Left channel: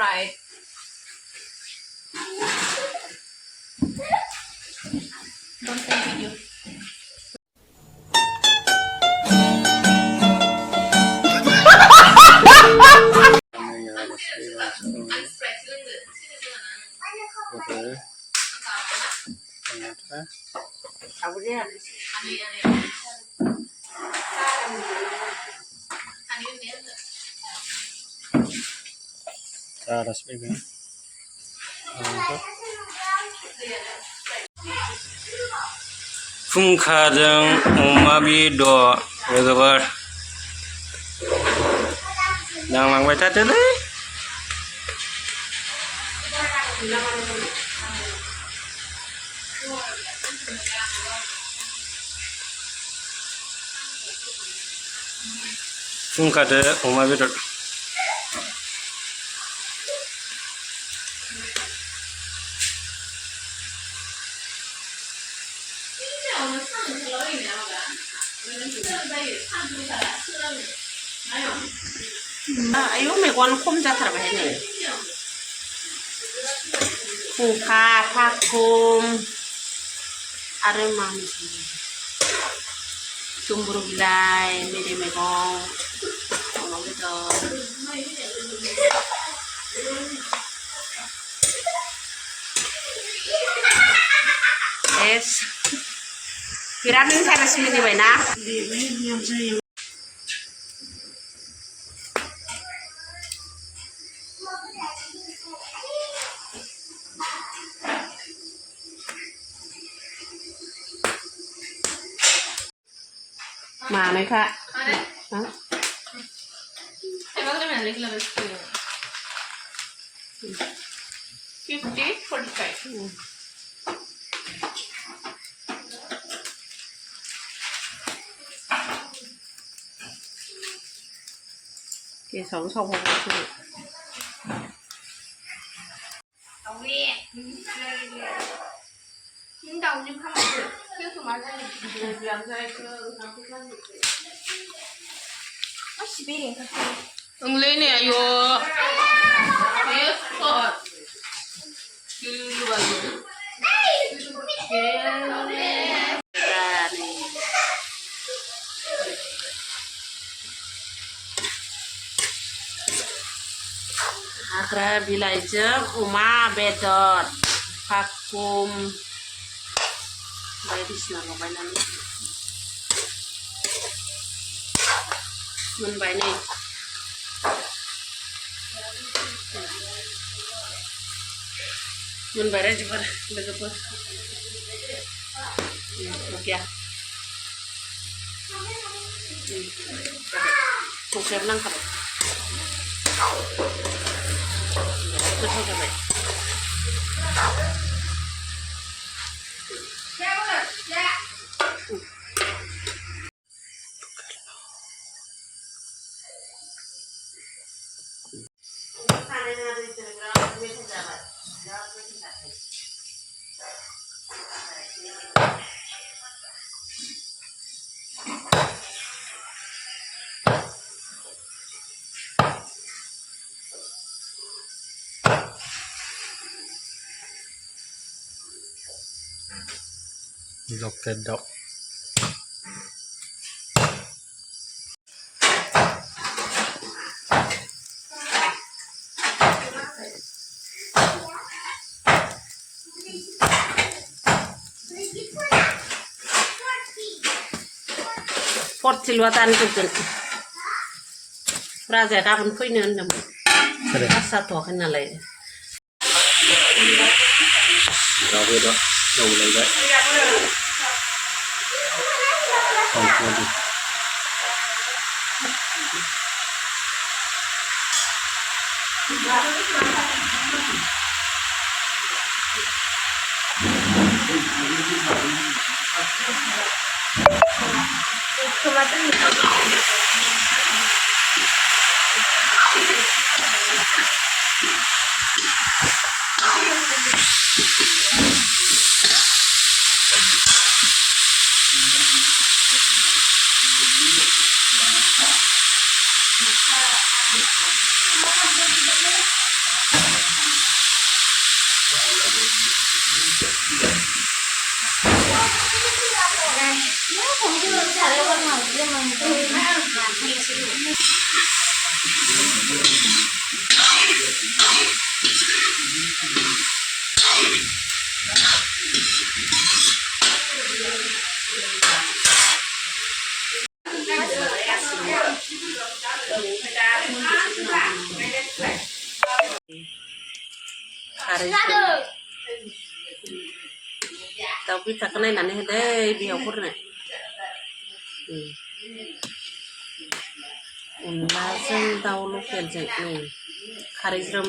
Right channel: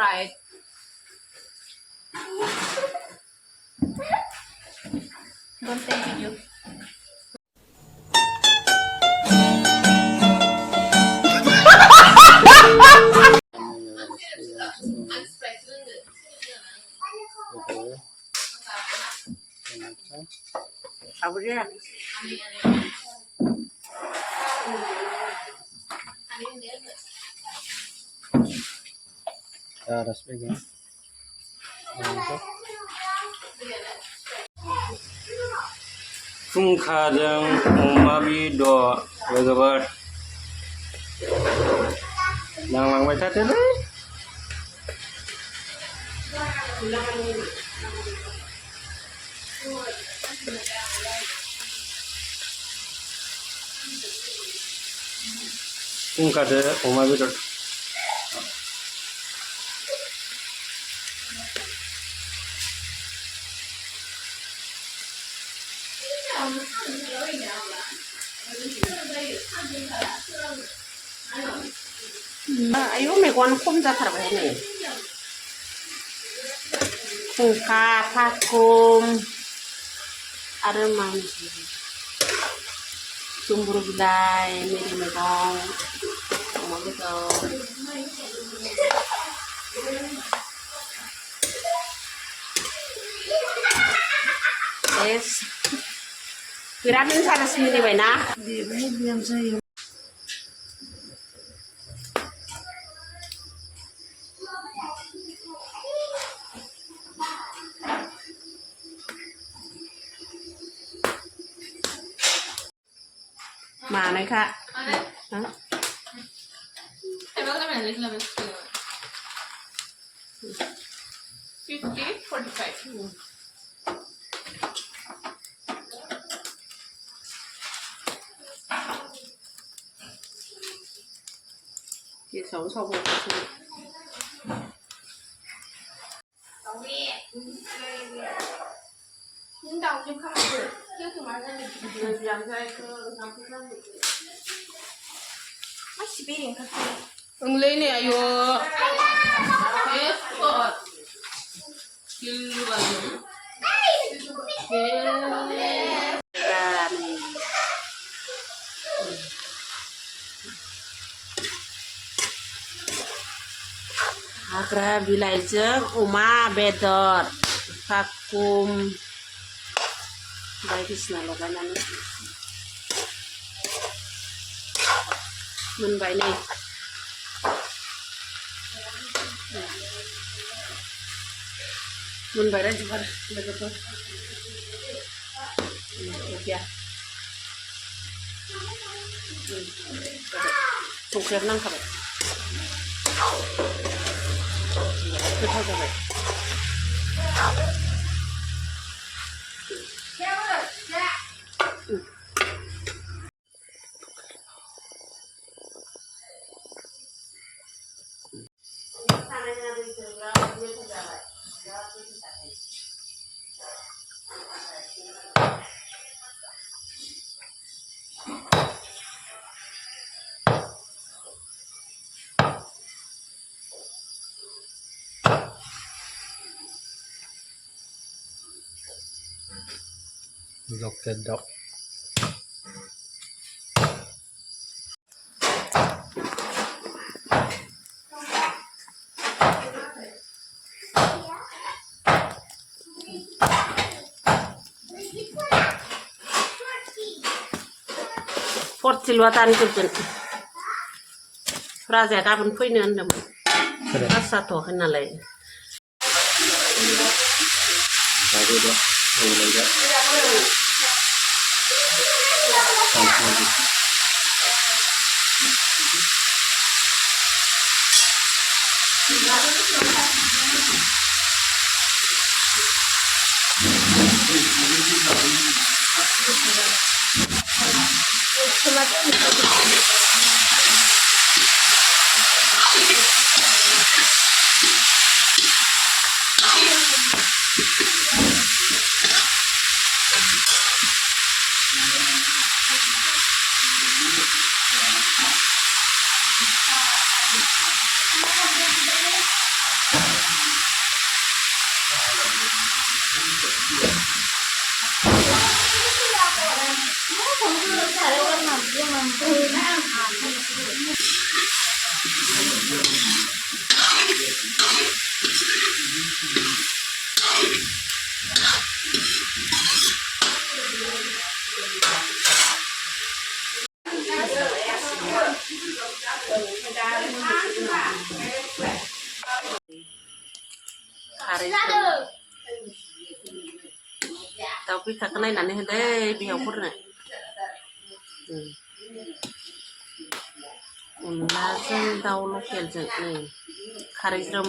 right. Don't take video. Apa dia? Aras pegang. Fungkadang umabido legabar. Nang langbai tadi deh. Fungkadang umabido. Ayo megon kum jatuh apa ini? Buka vakum, ada mana sih? Tumbur gulai, meri megong, mau gitu. Es, kiramin sana sini di mana? Di yang saya. Mana kak? Hah? Emang mana lagi level 50, 45. Cái sống xong rồi thôi. Tổng đi. Nhưng đầu nhưng không được. Chứ tụi mình làm cho anh làm cái làm được. Nó chỉ biết cái gì. Ông lên nè yo. Yes, God. Như vậy. Yeah. Agra bilai jeung uma bedot vakum bae disna lobainan mun bae nih mun bae juga begitu oke ya kukir nang kare Lokedok. Fort silwatan tutun Raja kapan punya anda mau? Asa tuh kenal lagi. Tahu dah, tahu lagi. Lagi. Hari tapi tak kena nane deh biar nih. Unlaजों दाउ लकेलजों नै खारै ज्रोम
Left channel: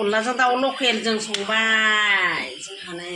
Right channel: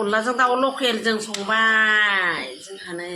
अनलाजों दाउ लकेलजों संबाय जोंहा नै